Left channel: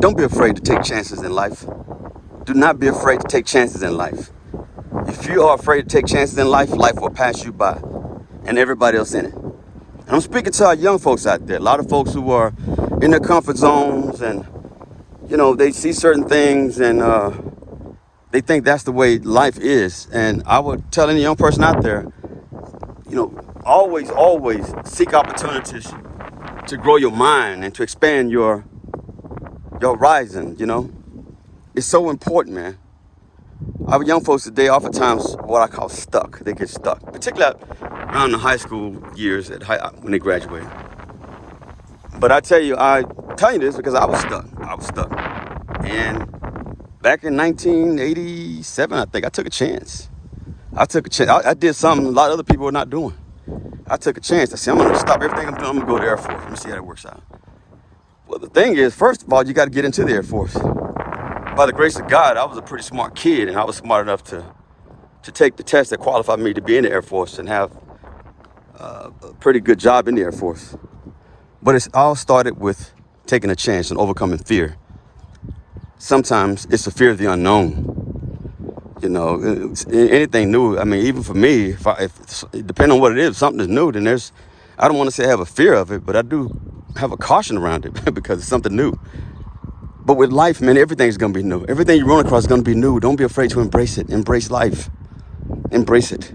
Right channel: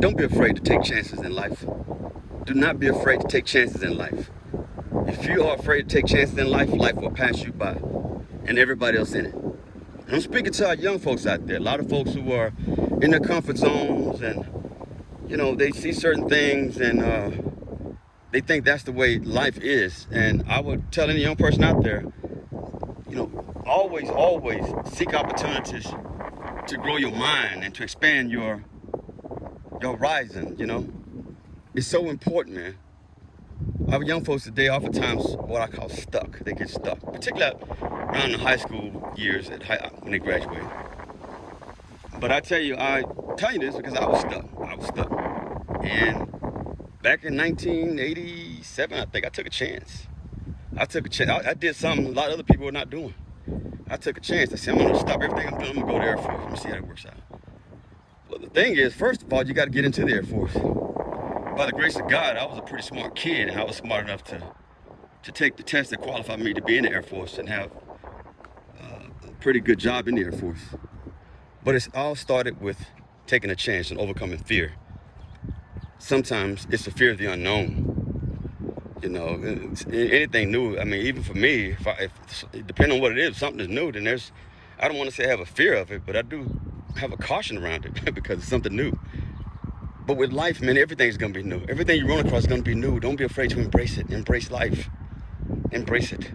Don't be afraid to take chances in life. Do not be afraid to take chances in life. If you are afraid to take chances in life, life will pass you by, and everybody else in it. And I'm speaking to our young folks out there. A lot of folks who are in their comfort zones, and they see certain things, and they think that's the way life is. And I would tell any young person out there, always seek opportunities to grow your mind and to expand your horizon. It's so important, man. Our young folks today oftentimes what I call stuck. They get stuck, particularly around the high school years when they graduate. But I tell you this because I was stuck. And back in 1987, I think I took a chance. I did something a lot of other people were not doing. I took a chance. I said, I'm going to stop everything I'm doing. I'm going to go to the Air Force. Let me see how that works out. Well, the thing is, first of all, you got to get into the Air Force. By the grace of God, I was a pretty smart kid, and I was smart enough to take the test that qualified me to be in the Air Force and have a pretty good job in the Air Force. But it all started with taking a chance and overcoming fear. Sometimes it's the fear of the unknown. Anything new. I mean, even for me, if depending on what it is, if something is new, then I don't want to say I have a fear of it, but I do have a caution around it because it's something new. But with life, man, everything's going to be new. Everything you run across is going to be new. Don't be afraid to embrace it. Embrace life. Embrace it.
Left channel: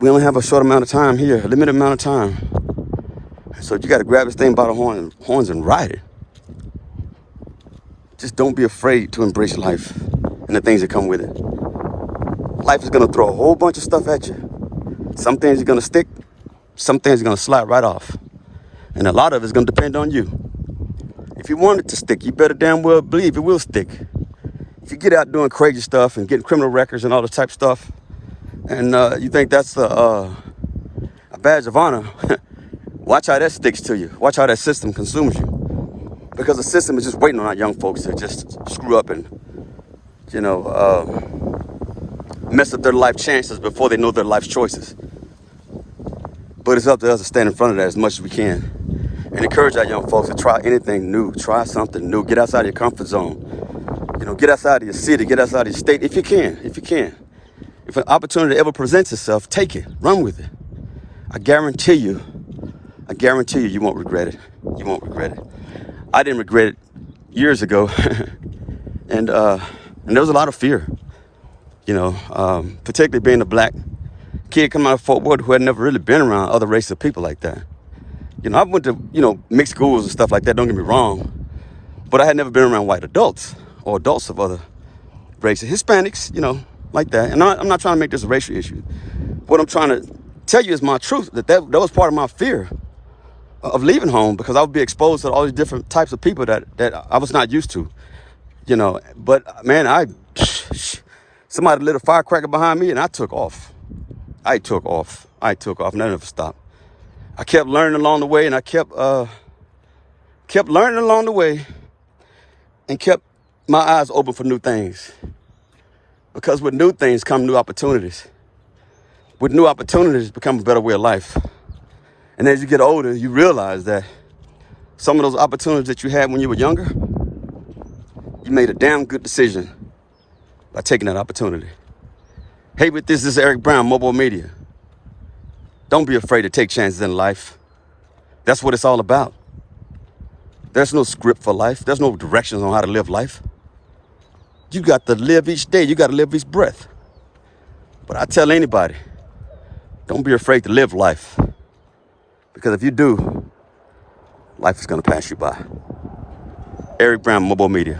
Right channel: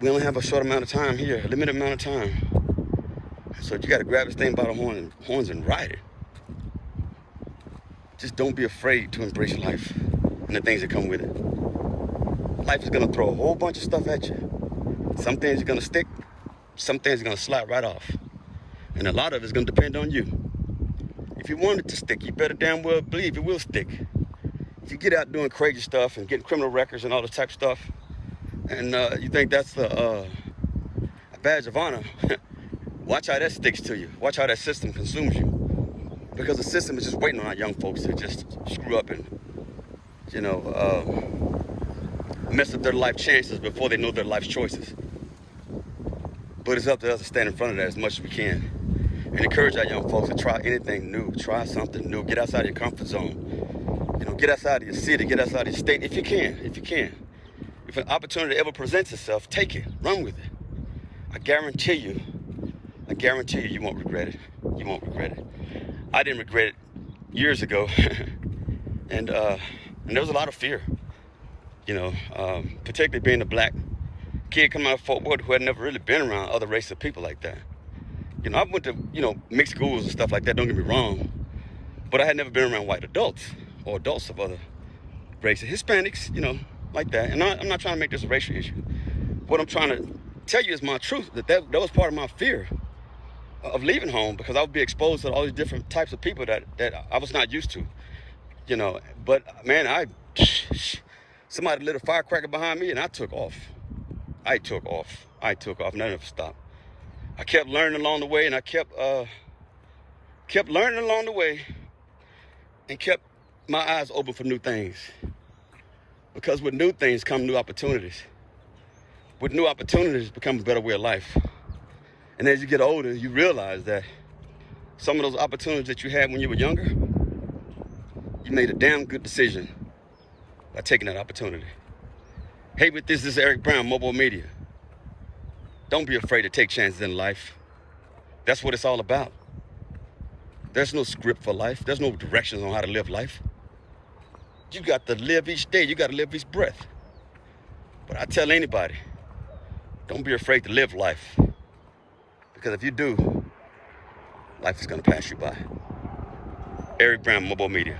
We only have a short amount of time here, a limited amount of time. So you got to grab this thing by the horns and ride it. Just don't be afraid to embrace life and the things that come with it. Life is going to throw a whole bunch of stuff at you. Some things are going to stick. Some things are going to slide right off. And a lot of it's going to depend on you. If you want it to stick, you better damn well believe it will stick. If you get out doing crazy stuff and getting criminal records and all this type of stuff, and you think that's a badge of honor, watch how that sticks to you. Watch how that system consumes you. Because the system is just waiting on our young folks to just screw up and, mess up their life chances before they know their life choices. But it's up to us to stand in front of that as much as we can. And encourage our young folks to try anything new. Try something new. Get outside of your comfort zone. Get outside of your city. Get outside of your state if you can. If an opportunity ever presents itself, take it. Run with it. I guarantee you, you won't regret it. You won't regret it. I didn't regret it years ago. and there was a lot of fear. Particularly being a black kid coming out of Fort Worth who had never really been around other races of people like that. I went to, mixed schools and stuff like that, don't get me wrong. But I had never been around white adults or adults of other races. Hispanics, like that. And I'm not trying to make this a racial issue. What I'm trying to tell you is my truth, that was part of my fear of leaving home, because I would be exposed to all these different types of people that I was not used to, But, man, somebody lit a firecracker behind me and I took off. I took off. And I never stopped. I kept learning along the way, and I kept learning along the way and kept my eyes open for new things. Because with new things come new opportunities. With new opportunities become a better way of life. And as you get older, you realize that some of those opportunities that you had when you were younger, you made a damn good decision by taking that opportunity. Hey, this is Eric Brown, MOBO-Media. Don't be afraid to take chances in life. That's what it's all about. There's no script for life. There's no directions on how to live life. You got to live each day. You got to live each breath. But I tell anybody, don't be afraid to live life. Because if you do, life is going to pass you by. Eric Brown, MOBO-Media.